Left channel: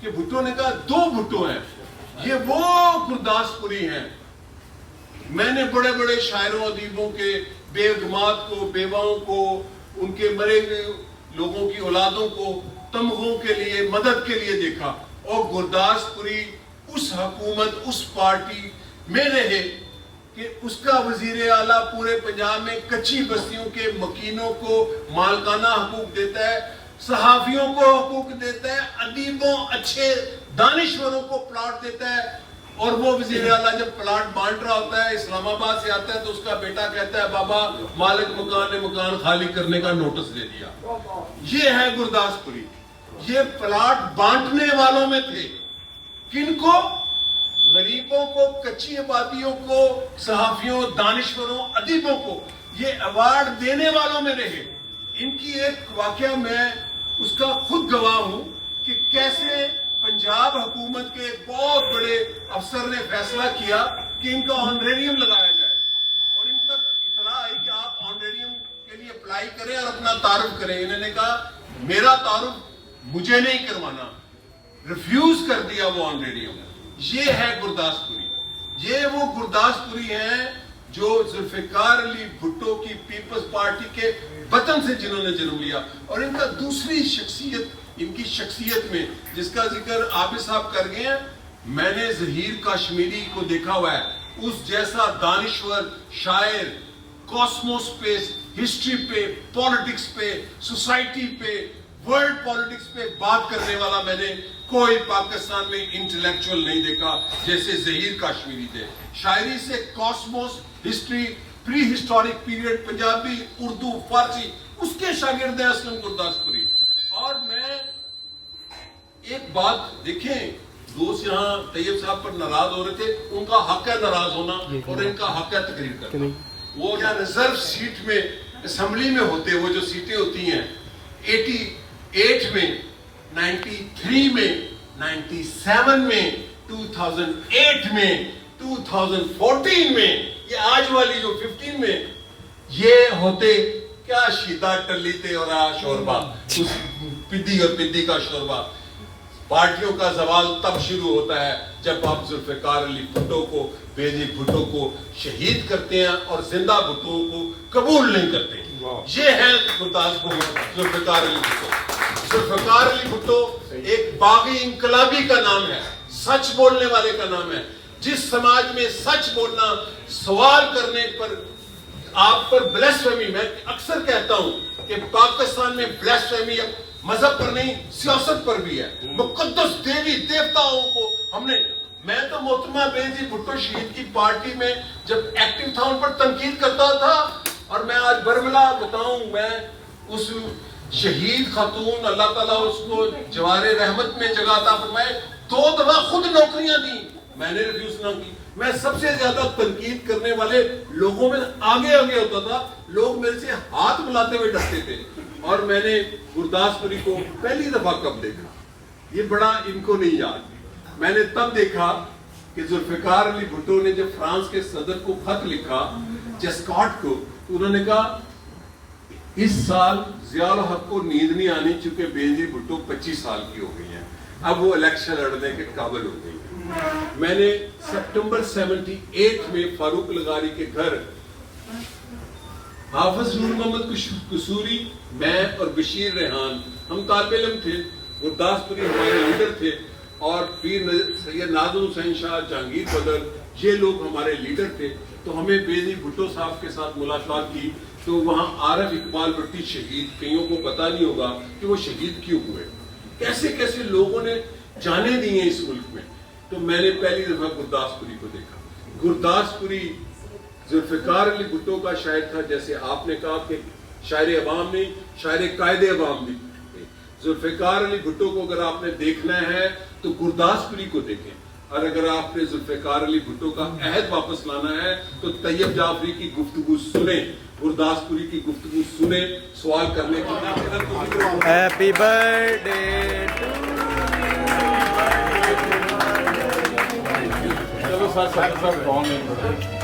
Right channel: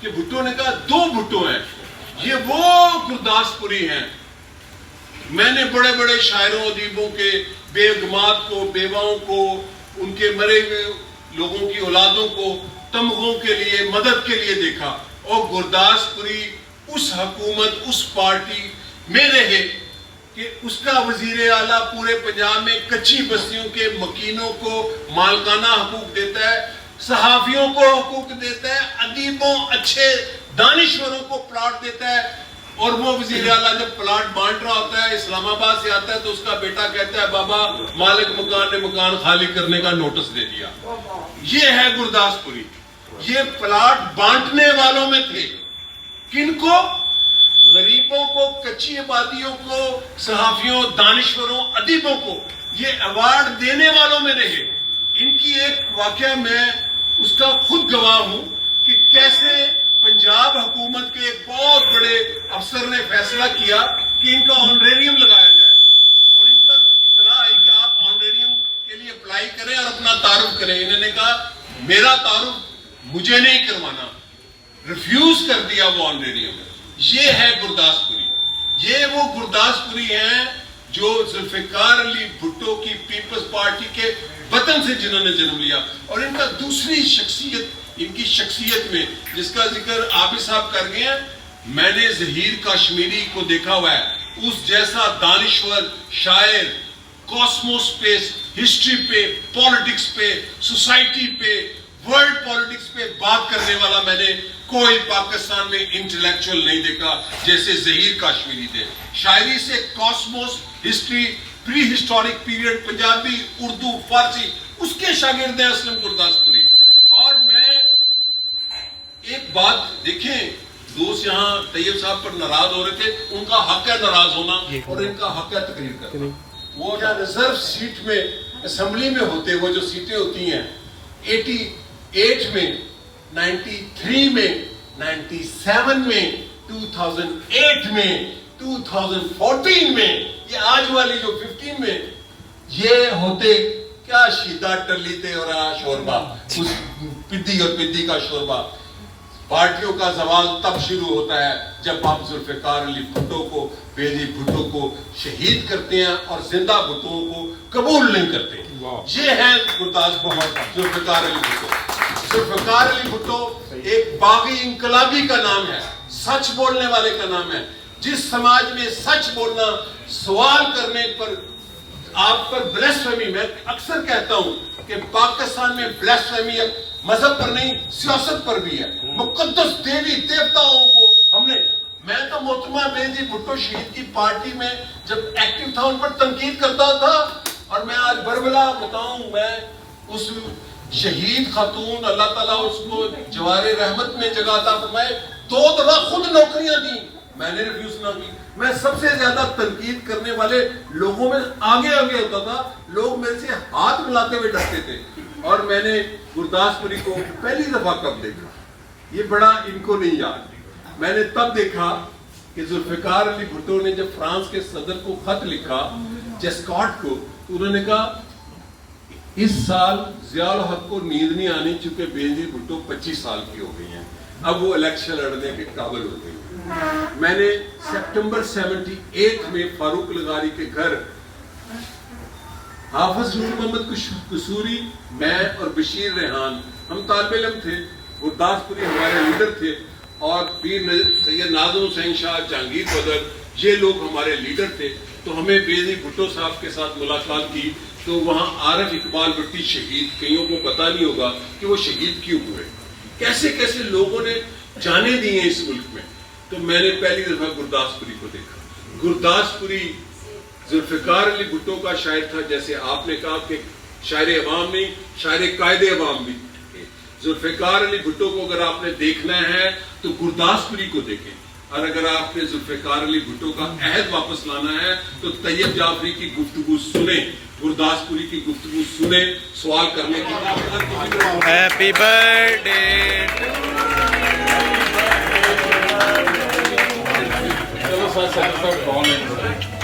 کہ بھٹو نے کہا 2 بھٹو ہیں، یہ وہ گرداسپوری ہیں. میں نے بڑے بڑے شاعروں ادیبوں کے بیگمات کو، بیواؤں کو، ان کے مرے ہوئے لوگوں کی اولادوں کو تمغوں کے لیے، مدد کے لیے دیکھا، اور گرداسپوری اس حکومت، اس پارٹی میں رہے کہ اس کا وزیر اعلیٰ پورے پنجاب میں کچی بستیوں کے مکینوں کو مالکانہ حقوق دیتا ہے، صحافیوں کو حقوق دیتا ہے، ادیبوں، اچھے دانشوروں کو پلاٹ دیتا ہے. اور وہ وزیر اعلیٰ جب پلاٹ بانٹ رہا ہوتا ہے، اسلام آباد سے آتا ہے تو اس کا بیٹا کہتا ہے بابا مالک مکان نے مکان خالی کرنے کا نوٹس دے دیا. یہ ہے گرداسپوری. یہ پلاٹ بانٹنے والوں میں تھے. کن کو؟ غریبوں کو، کچی آبادیوں کو، صحافیوں، دانشوروں، ادیبوں کو. یہ ایوارڈ دینے والوں میں رہے. ان کی ایک واقعہ میں اس کا خود گواہ ہوں کہ کیسے پنجاب حکومت کے ایک بہت بڑے افسر نے فیصلہ کیا کہ ان کا آنریریم لگایا جائے، اور ان تک اطلاع آئی کہ آپ آنریریم کے لیے اپلائی کریں اور اپنا تعارف کریں. انہوں نے کہا میرا تعارف مجھے نہیں کروانا، ریفیوز کر دیا وہ آنریریم. یہ ہے گرداسپوری. یہ وہ گرداسپوری ہیں جو ذوالفقار علی بھٹو کی پیپلز پارٹی کے وطن سے جنہوں نے جنم لیا. اور ان کا دوسری شخصیت، ان کی شخصیت میں جس کا ذکر عابد صاحب کر گئے ہیں، میں نے ظہیر کاشمیری کو دیکھا ہوا ہے. اس جیسا دانشور، شاعر، کاسموس پہ، ہسٹری پہ، پالیٹکس پہ، سوسائٹی پہ، ورلڈ پالیٹکس پہ بات کرنے والا میں نے کوئی پاکستان میں انٹلیکچوئل نہیں دیکھا جیسے ظہیر کاشمیری تھے. شاعری سے کاسموس، ہسٹری، پری ہسٹورک پیریڈ، پنجابی، اردو، فارسی، اس کے شاگرد ہیں اسلم گرداسپوری. اور میں ایک بات دیکھیں، دوست یہاں طیب صاحب پر ناراض ہو رہے تھے، ان کا حق ہے ناراض ہونا اور ان کا حق ہے تقریر کرنا. وہ جو ریزرو سیٹ میں اسمبلی میں ہوتے، وہ جو سیٹیں ہوتی ہیں 88 میں، 93 میں، 97 میں، 2008 میں، 2014 میں، یہ آج والی جو 15 میں، یہ ہوتے کیا شیدہ ٹلیتے اور شوربا، اس پدی اور پدی کا شوربا. پارٹیوں کا زوال تب شروع ہوتا ہے جب آپ ذوالفقار علی بھٹو کو، بے نظیر بھٹو کو شہید کرتے ہیں اور زندہ بھٹو کو قبول نہیں کرتے. یہ ہے گرداسپور ذوالفقار علی بھٹو. ذوالفقار علی بھٹو ایک باغی انقلابی کا نام ہے، سچ بولنے والے کا نام ہے. جس سماج میں سچ بولنا، سوال کرنے پر آپ پر بلیسفیمی، میں اکثر کہتا ہوں کہ پاکستان میں بلیسفیمی مذہب پر نہیں، سیاست پر بھی ہے. مقدس دیوی دیوتاؤں کو ہم نے، میں تو محترمہ بے نظیر بھٹو شہید کی پارٹی میں جب ایکٹیو تھا ان پر تنقید کرتا تھا. اور میں آج برملا بتاؤں، میں اس شہید خاتون، اللہ تعالیٰ اس کو جوار رحمت میں جگہ عطا فرمائے، 2 دفعہ خود نوکریاں دیں، میں نے ریفیوز نہ کی. میں سب سے زیادہ تنقید کرنے والے لوگوں میں آگے ہوتا تھا. لوگ میرے سے ہاتھ ملاتے ہوئے ڈرتے تھے. اور میں نے گرداسپوری کو پہلی دفعہ کب دیکھا، یہ بڑا ان کو نہیں یاد. میں نے تب دیکھا کہ ذوالفقار علی بھٹو نے جب فرانس کے صدر کو خط لکھا، جیسکاٹ کو، انہوں نے کہا اس سال ضیاء الحق کو نیند نہیں آنی چونکہ بے نظیر بھٹو 25 سال کی ہو گئی ہیں، اب وہ الیکشن لڑنے کے قابل ہو گئی ہیں. میں نے سپٹمبر 78 میں فاروق لغاری کے گھر حافظ نور محمد قصوری، میں اور بشیر ریحان، ہم طالب علم تھے، گرداسپوری ہمارے لیڈر تھے، اور پیر سید ناظم حسین شاہ، جہانگیر بدر، یہ لوگ ہمارے لیڈر تھے. تو ہمیں بے نظیر بھٹو صاحب کے ساتھ ملاقات کی تو وہاں عارف اقبال بھٹی شہید، کئیوں کو پتا نہیں ہوگا کہ وہ شہید کیوں ہوئے، کیسے کیسے لوگوں نے جانیں دی ہیں اس ملک میں. تو میں نے پہلی دفعہ گرداسپوری کو دیکھا. گرداسپوری ذوالفقار علی بھٹو کا شاعر تھا، جیسے آپ نے کہا کہ شاعر عوام نہیں، شاعر قائد عوام بھی. ذوالفقار علی بھٹو کو اگر آپ نے دیکھنا ہے تو گرداسپوری کو دیکھیں، اور اگر آپ نے ذوالفقار علی بھٹو کا عہد واپس لانا ہے تو طیب جعفری کی گفتگو سنیں، گرداسپوری کی گفتگو سنیں، سوال کرنے کی. ہیپی برتھ ڈے چلو سر کون ہے